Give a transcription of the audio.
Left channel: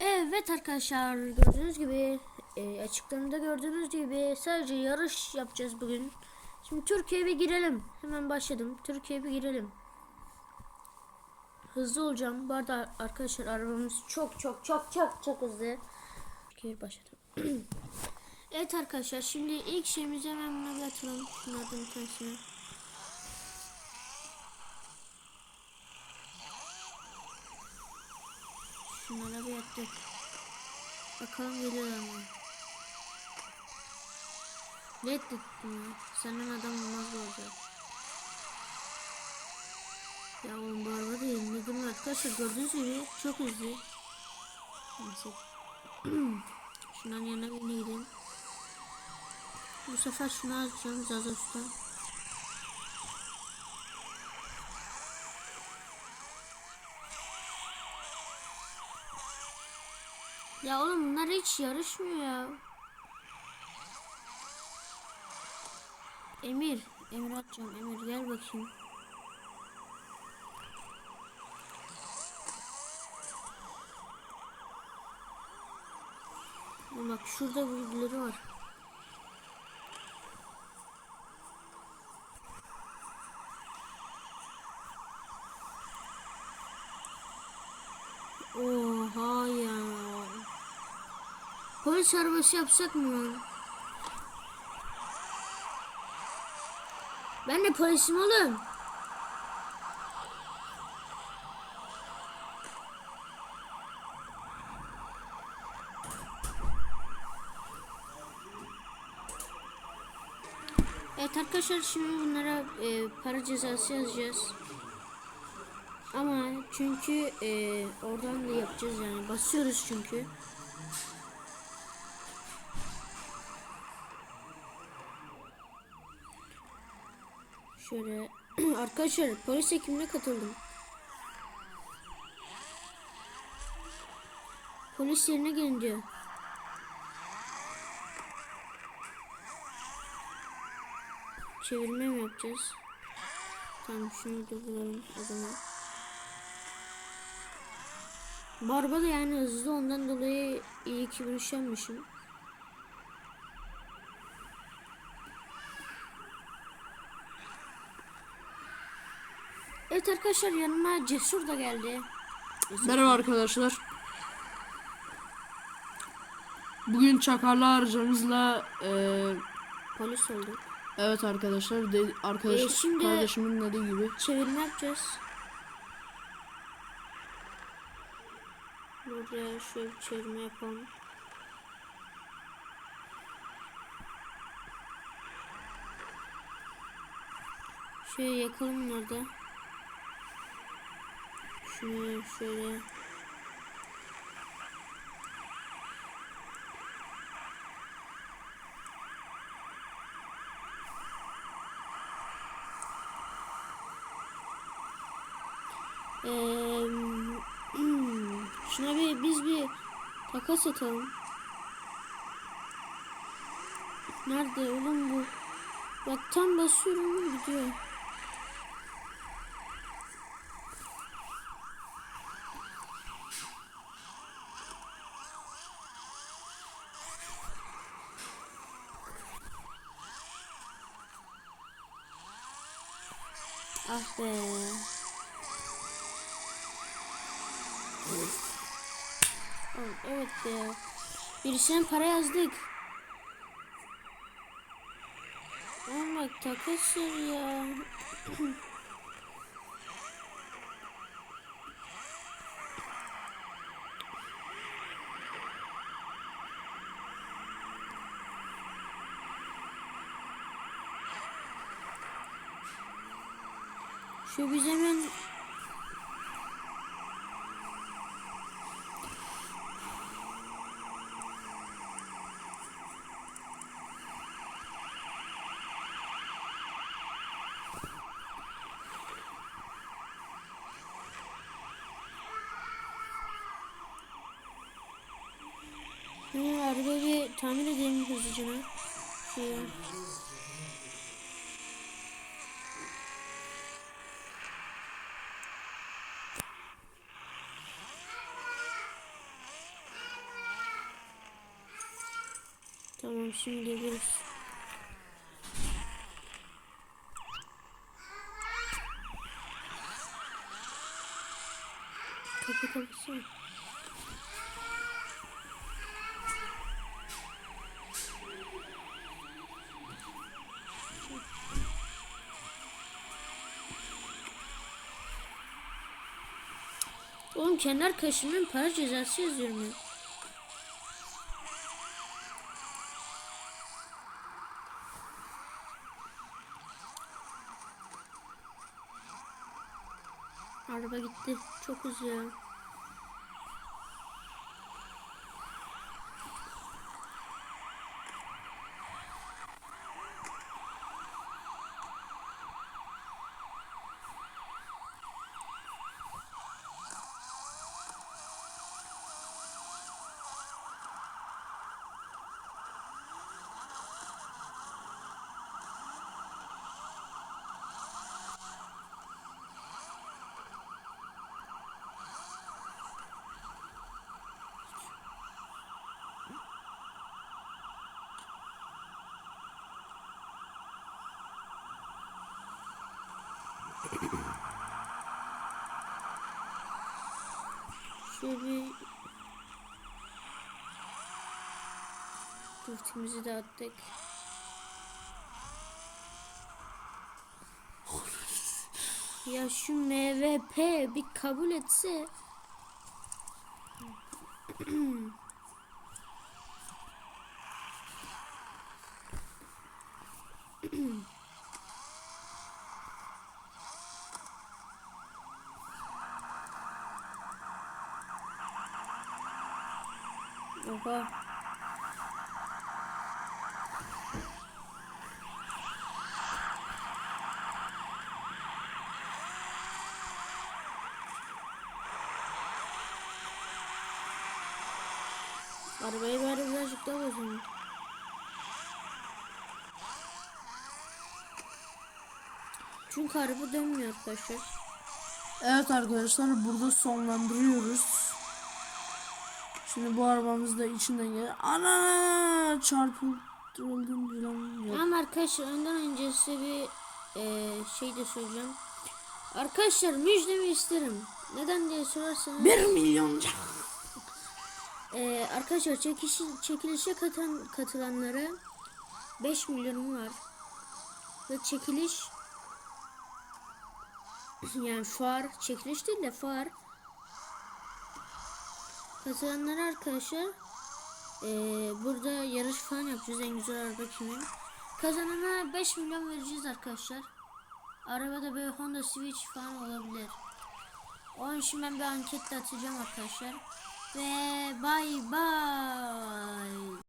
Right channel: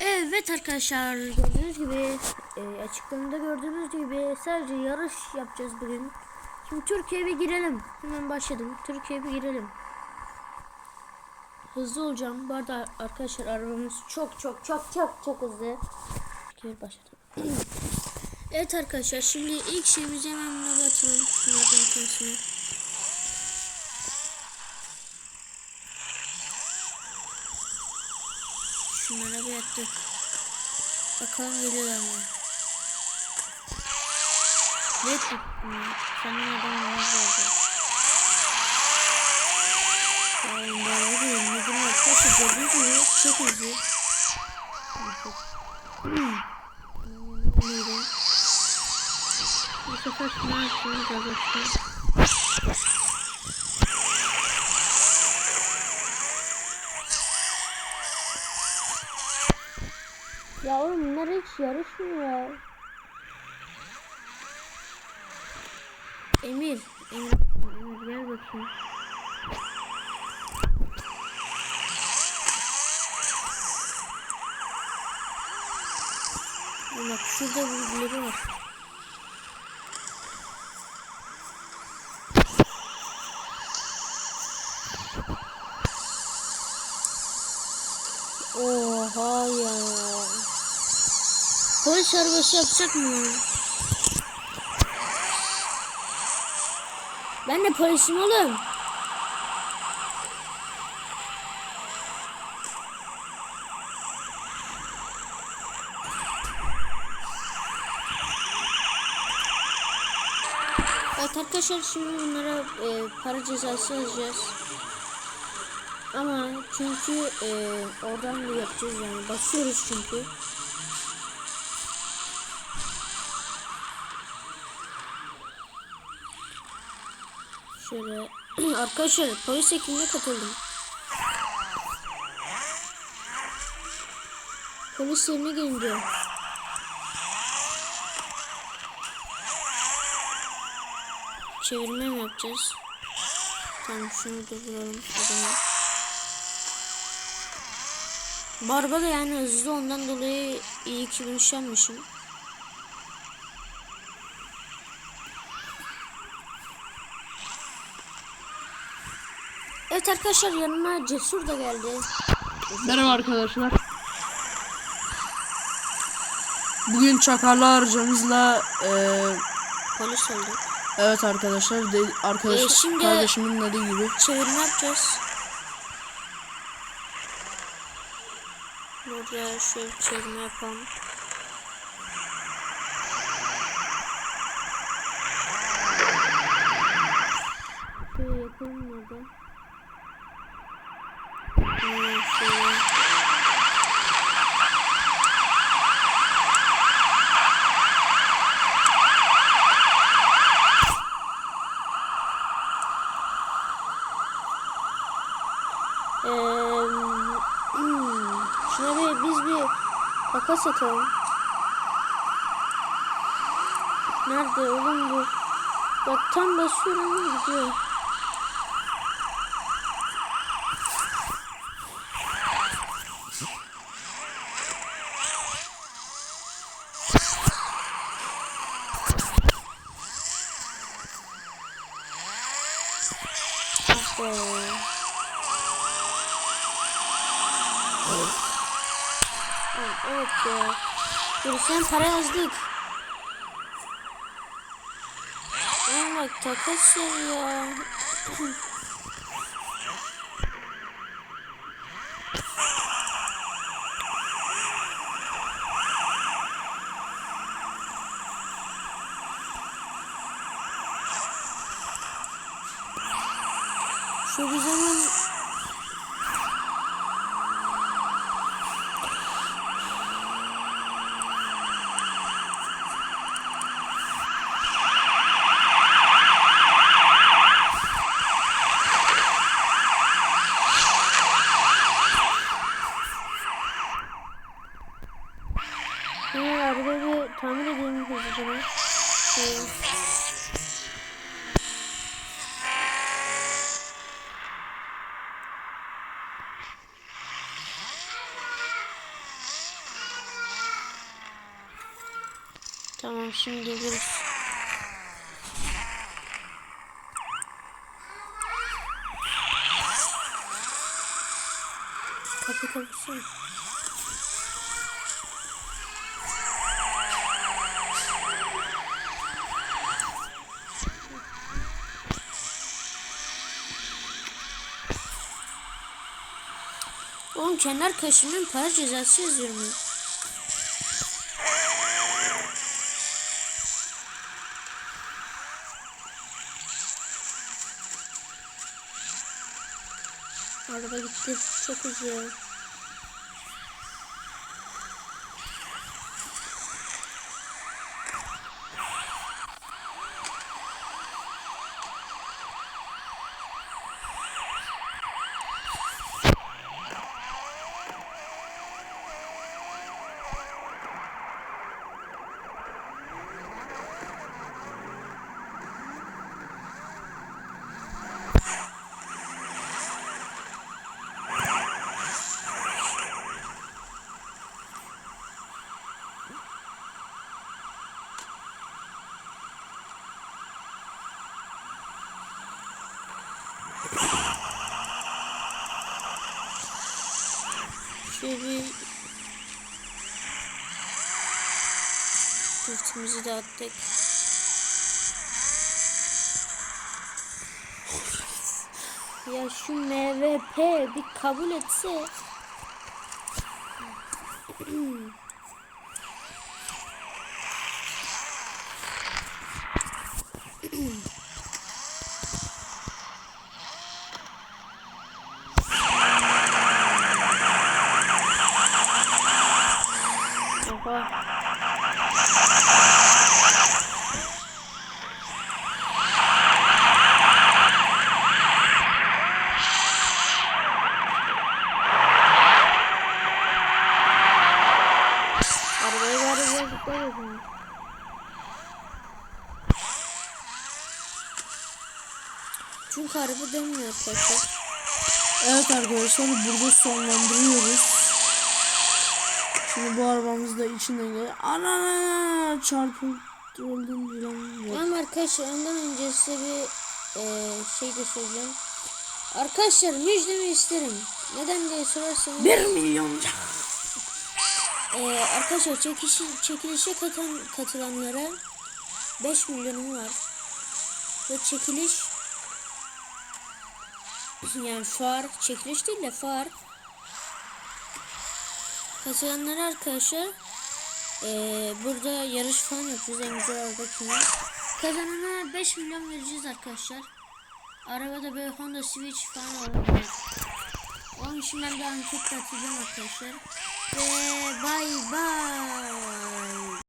Evet arkadaşlar gördüğünüz gibi e, açıklamada gördüğünüz gibi sadece yarış yapacağız bugün. Şimdi Türkiye'ye bir girelim. Hemen başladım. Türkiye'ye bir girelim. Hızlı olacağım. Bu arada arkadaşlar arabamız çok çok çok çok çok hızlı. Türkiye'ye başladım. evet arkadaşlar şimdi ilk şeyimizi hemen buna atalım. Şunlardan Şunlara bir attık. Bakalım geliyorlar mı? Ne tuttum ya? Senin adam olmaz. Ya oğlum ben vuruyorum. Ne gün arkadaşlar gördüğünüz gibi çok hızlı. Neyse. Şundan yana bineyim. Bu sefer şunu açacağım gazoşta. Ya oğlum bunlar hiç yarışmıyor ya. Emir, Emir atacağım. Emir gel bakayım. Bak şurada birileri var. Oha ya. Polis arabası yapacak mı lan? Ben de polisim oğlum. Evet arkadaşlar şimdi bunlara e, para cezası yazacağız. Ama çünkü e, oradan da yapacağız yani basıyoruz çünkü. Şöyle arkadaşlar polis ekibine katıldım. Polis yerine gelin. Çevirme mi yapacağız? Tamam şunu durduralım o zaman. Barba da yani hızlı ondan dolayı iyi ki bunu Evet arkadaşlar yanıma Cesur da geldi. Merhaba arkadaşlar. Bugün çakarlar hocamızla eee Polis oldu. evet arkadaşlar de, arkadaş Ee, şimdi- kardeşimin dediği gibi Çevirme yapacağız. Burada şöyle bir çevirme yapalım. Şöyle yakalım nerede? Eee, hmm, şuna biz bir takas atalım. Nerede oğlum bu? Bak tam basıyorum gidiyor. Evet, evet ya. Birisine para yazdık. Bak takas ya. Şu biz hemen Şimdi arabayı bir tamir edeyim hızlıca. Şöyle. Tamam şimdi geliriz. Kapı kapısın. Oğlum kendi arkadaşımın para cezası yazıyorum ben. Araba gitti. Çok hızlı. Şöyle Driftimizi de attık. Ya şu MVP bir kabul etse. Oha. Arabayı bari birazcık daha bozun. Çünkü araba dönmüyor arkadaşlar. Evet arkadaşlar burada sonlandırıyoruz. Şimdi bu arabamız da içinden geliyor. Ana çarpıldırıldın falan yok. Ama arkadaşlar ondan önce size bir eee, şey de söyleyeceğim. Arkadaşlar müjdemi isterim. Neden diye sorarsanız. 1 milyon. Ee, arkadaşlar çekişi, çekilişe katan, katılanlara 5 milyonum var. Ve çekiliş yani fuar çekiliş değil de fuar katılanlara arkadaşlar ee, burada yarış falan yapıyoruz en güzel araba kimin kazanana 5 milyon vereceğiz arkadaşlar. Arabada böyle Honda Switch falan olabilir. Onun için ben bir anket atacağım arkadaşlar. Ve bay bay